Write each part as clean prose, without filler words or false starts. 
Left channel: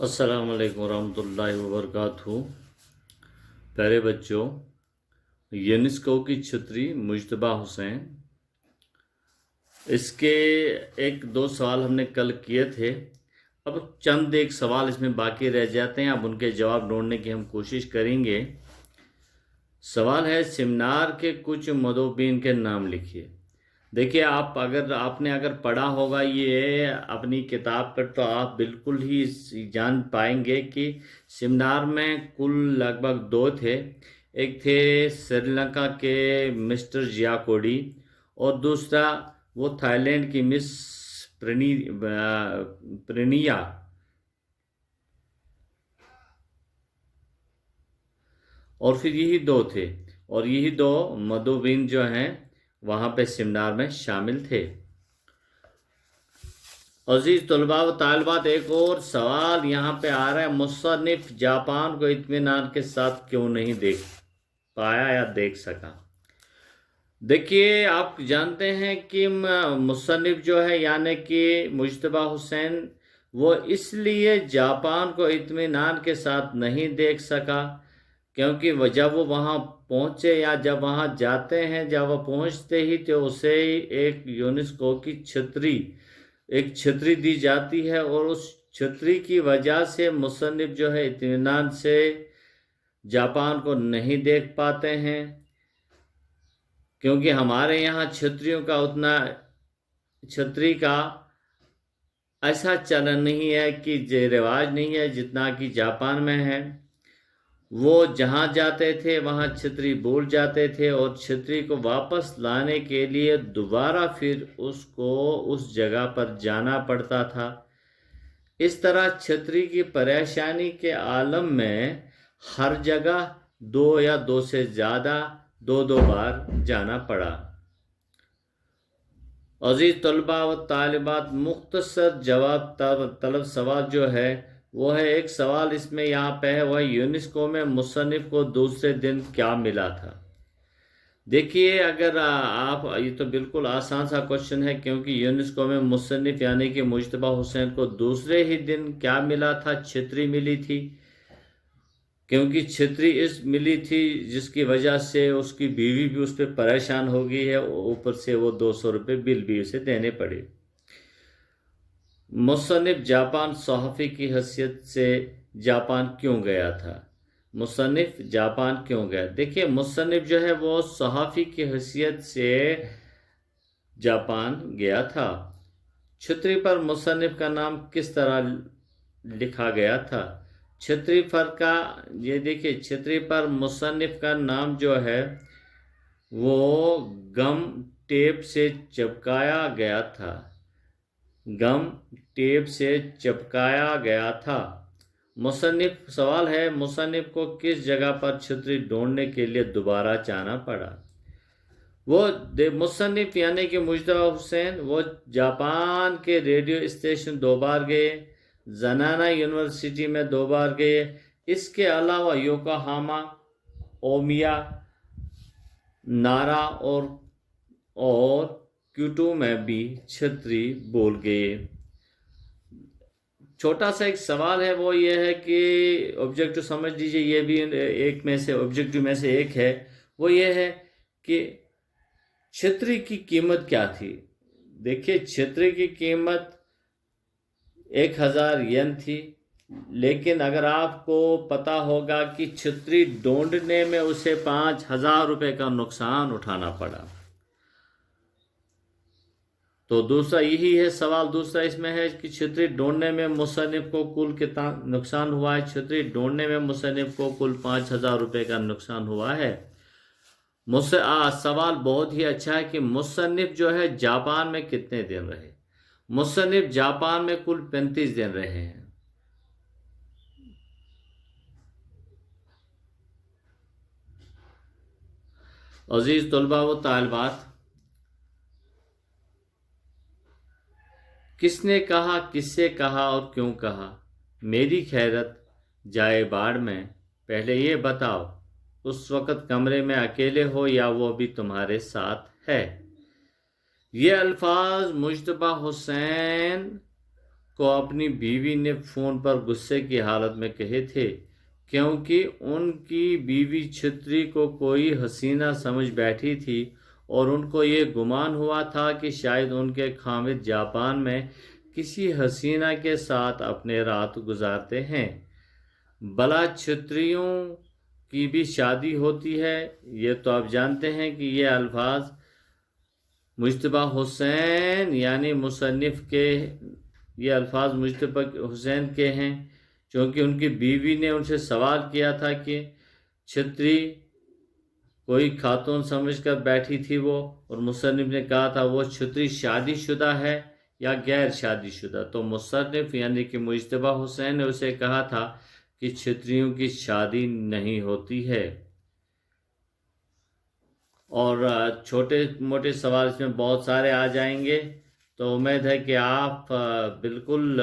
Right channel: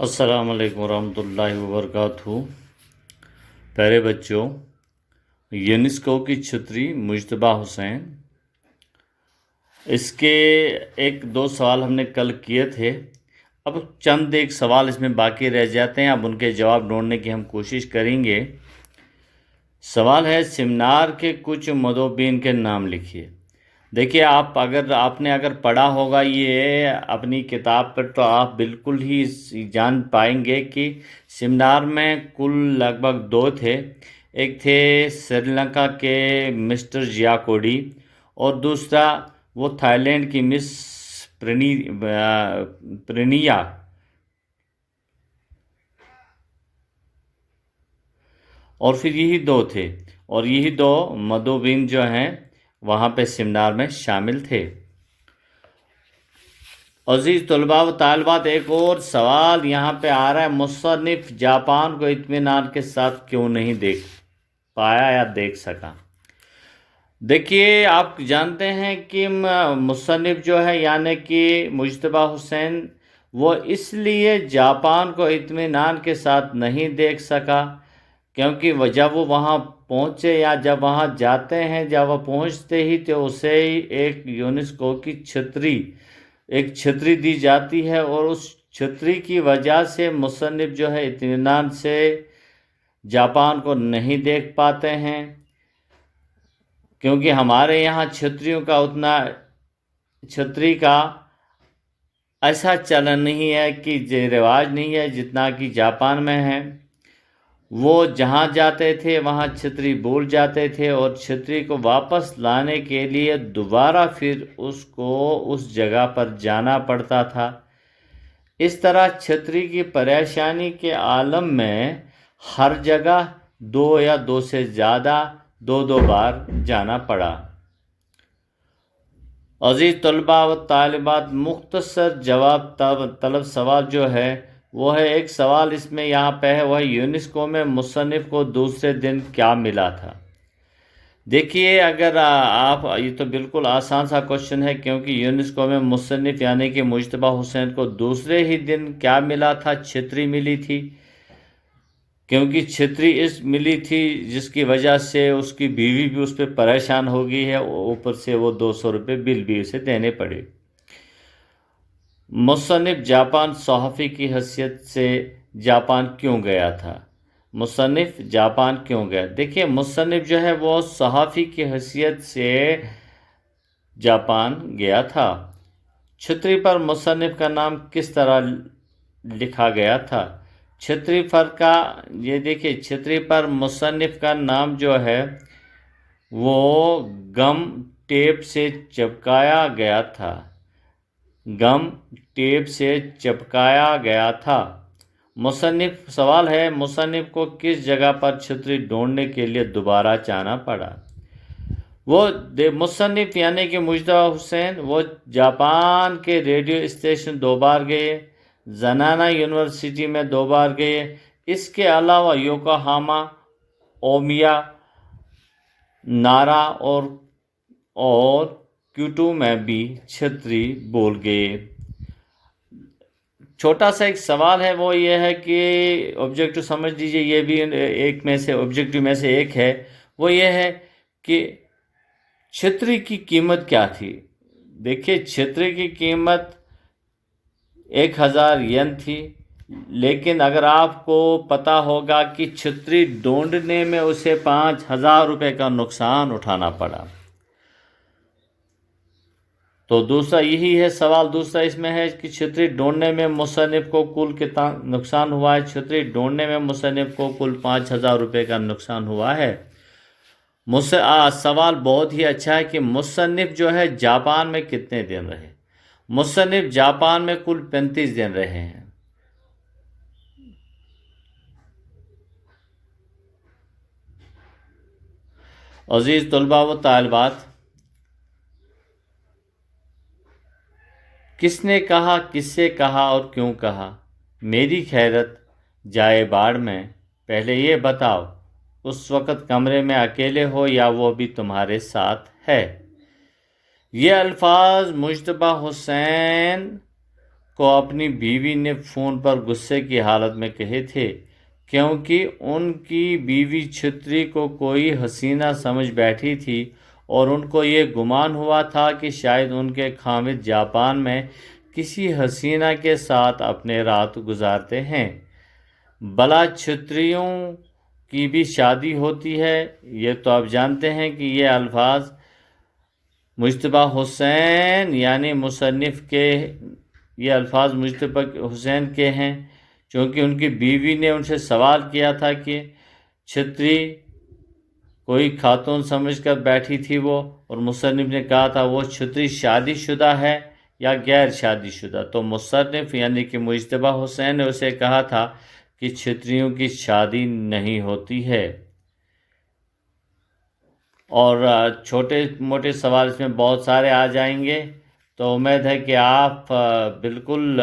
अस्सलाम वालेकुम रहमतुल्लाहि व बरकातहू। प्यारे बच्चों, यूनेस्को की छतरी मुज्तबा हुसैन, इसके एक दो सवाल हमने कल किए थे। अब चंद एक सवाल इसमें बाकी रह जाते हैं, अब उनके जवाब ढूंढने की हम कोशिश करेंगे। सवाल है, सेमिनार के कुछ मदोबीन के नाम लिखिए। देखिए, आपने अगर पढ़ा होगा ये अपनी किताब पर, तो आप बिल्कुल ही जान पाएंगे कि सेमिनार में कुल लगभग दो थे। एक थे श्रीलंका के मिस्टर जियाकोडी, और दूसरा वो थाईलैंड की मिस प्रणिया। और फिर यही दो थे, और यही दो मदोबीन जो हैं वहाँ पे सेमिनार में शामिल थे। अजीज तलबा व तालिबात, एक और सवाल यहाँ पे आ रहा है, मुसन्निफ जापान को इत्मीनान के साथ क्यों नहीं देख पाया या देख सका। देखिए, आप जानते हैं कि मुसन्निफ जो है यानी कि मुज्तबा हुसैन, वो इसलिए जापान को इत्मीनान के साथ नहीं देख सका क्योंकि जब वो वहाँ पहुँचे या जब वहाँ जाते हैं, जब वो पहुँचते ही तो उसे एक यूनेस्को की छतरी दी जाती है, और उस छतरी की वजह से मुसन्निफ जो है इत्मीनान से जापान को नहीं देख पाते हैं। क्योंकि हमारे यहाँ छतरी का ऐसा चलन नहीं है कि रिवाज नहीं है जितना कि जापान में है। वो जहाँ जाते थे वहाँ छतरी भूल जाते थे, और छतरी को वापस लाने के लिए दोबारा फिर उसको उस जगह पर जाना पड़ता था। इस तरह छतरी की परेशानी के आलम में हर जगह दो या दो से ज़्यादा दो बार जाना पड़ा। अजीज तलबा व तालिबात, मुख्तसर जवाब तलब सवाल जो है वो है, एक सवाल इसमें यहाँ पे है, वह यूनेस्को में मुसन्निफ को दूसरे दिन क्या मिला था। देखिए, अगर आप ये तो बिल्कुल आसान सा क्वेश्चन है, क्योंकि यूनेस्को में मुसन्निफ यानी कि मुज्तबा हुसैन को दूसरे ही दिन क्या मिला था, छतरी मिली थी। क्योंकि छतरी इस मिली थी जिसकी वजह से उसकी बीवी भी उस पर परेशान हो गई है, ऊपर से वो 200 रुपये बिल भी उसे देने पड़े। मुसन्निफ जापान सहाफ़ी की हैसियत से जापान क्यों गया था। मुसन्निफ जापान क्यों गया। देखिए, मुसन्निफ जो है वो सहाफ़ी की हैसियत से जापान गया था। छतरी पर मुसन्निफ का नाम किस तरह लिखा गया था। छतरी पर का ये देखिए, छतरी पर मुसन्निफ का नाम जो है वो गम टेप से चिपकाया गया था। गम टेप से चिपकाया गया था। मुसन्निफ सवाल है, मुसन्निफ को किस जगह पर छतरी ढूंढने के लिए दोबारा जाना पड़ा। मुसन्निफ यानी कि मुज्तबा हुसैन वो जापान के रेडियो स्टेशन 2 बार गए, जनाना यूनिवर्सिटी में 2 बार गए। इसके अलावा योकोहामा, ओमिया, नारा और क्योटो में भी छतरी बोल गए। छोटा सा एक सवाल है, वो ये है कि ऑब्जेक्टिव समझ लीजिए, ये भी एक में से ऑब्जेक्टिव में से एक है। वो ये है कि छतरी की कीमत क्या थी। देखिए, छतरी की कीमत 1000 येन थी, लेकिन अगर आपको पता होगा कि छतरी ढूंढने में उसे 5000 रुपये का नुकसान उठाना पड़ा। तो दूसरा यही है सवाल, दूसरा इसमें है कि छतरी ढूंढने में मुसन्निफ को कुल कितना नुकसान हुआ है। छतरी ढूंढने में मुसन्निफ को कुल 5000 रुपये का नुकसान हुआ है। सवाल बहुत ही अच्छा है कि मुसन्निफ जो है जापान में कितने दिन रहे। मुसन्निफ जापान में कुल 35 दिन रहे हैं। अजीज तलबा व तालिबात, किसने कहा, किससे कहा और क्यों कहा। मेरी खैरत जाए बाढ़ में, पहले ये बताओ उस वक़्त कमरे में अकेले हो या वो भी तुम्हारे साथ है। ये अल्फाज मुज्तबा हुसैन کو अपनी बीवी ने फ़ोन पर गुस्से की हालत में कहे थे, क्योंकि उनकी बीवी छुत्री को कोई हसीना समझ बैठी थी और उनको ये गुमान हुआ था कि शायद उनके खामिद जापान में किसी हसीना के साथ अपने रात गुजारते हैं। भला छुत्रियों की भी शादी होती है? ये तो आप जानते हैं कि ये अल्फाज मुज्तबा हुसैन यानी मुसन्निफ़ के ये अल्फाज मुज्तबा हुसैन के हैं, क्योंकि उनकी बीवी ने उनसे सवाल किया था कि छत्री कोई खातून समझकर बैठी थी वो, और मुसन्निफ़ ने कहा था वो छत्री शादीशुदा है या गैर शादीशुदा। तो मुसन्निफ़ यानी कि मुज्तबा हुसैन ने उसे कहा था कि छत्रियों की शादी नहीं होती है। और छोटे मोटे सवाल इसमें बहुत सारे आ जाएंगे, तो उम्मीद है कि आप बिल्कुल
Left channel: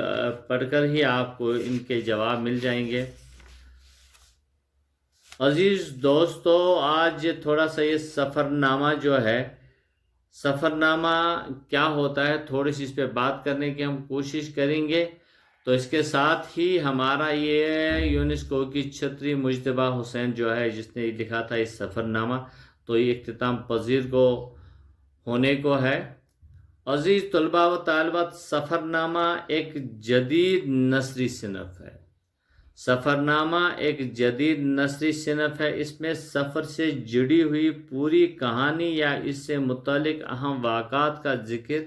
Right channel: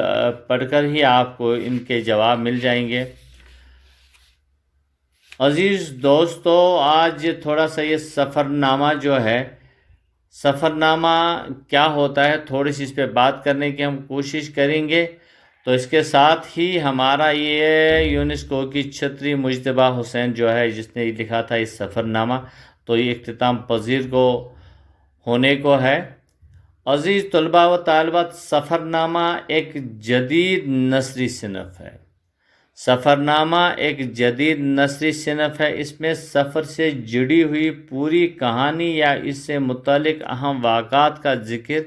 पढ़कर ही आपको इनके जवाब मिल जाएंगे। अजीज़ दोस्तों, आज थोड़ा सा ये सफ़रनामा जो है, सफ़रनामा क्या होता है, थोड़ी सी इस पर बात करने की हम कोशिश करेंगे। तो इसके साथ ही हमारा ये यूनेस्को की छत्री मुज्तबा हुसैन जो है, जिसने लिखा था इस सफ़रनामा, तो ये इख्तिताम पजीर को होने को है। अजीज़ तलबा व तालिबात, सफ़रनामा एक जदीद नस्री सिनफ़ है। सफ़रनामा एक जदीद नस्री सिनफ़ है। इसमें सफ़र से जुड़ी हुई पूरी कहानी या इससे मुतालिक अहम वाक़ात का ज़िक्र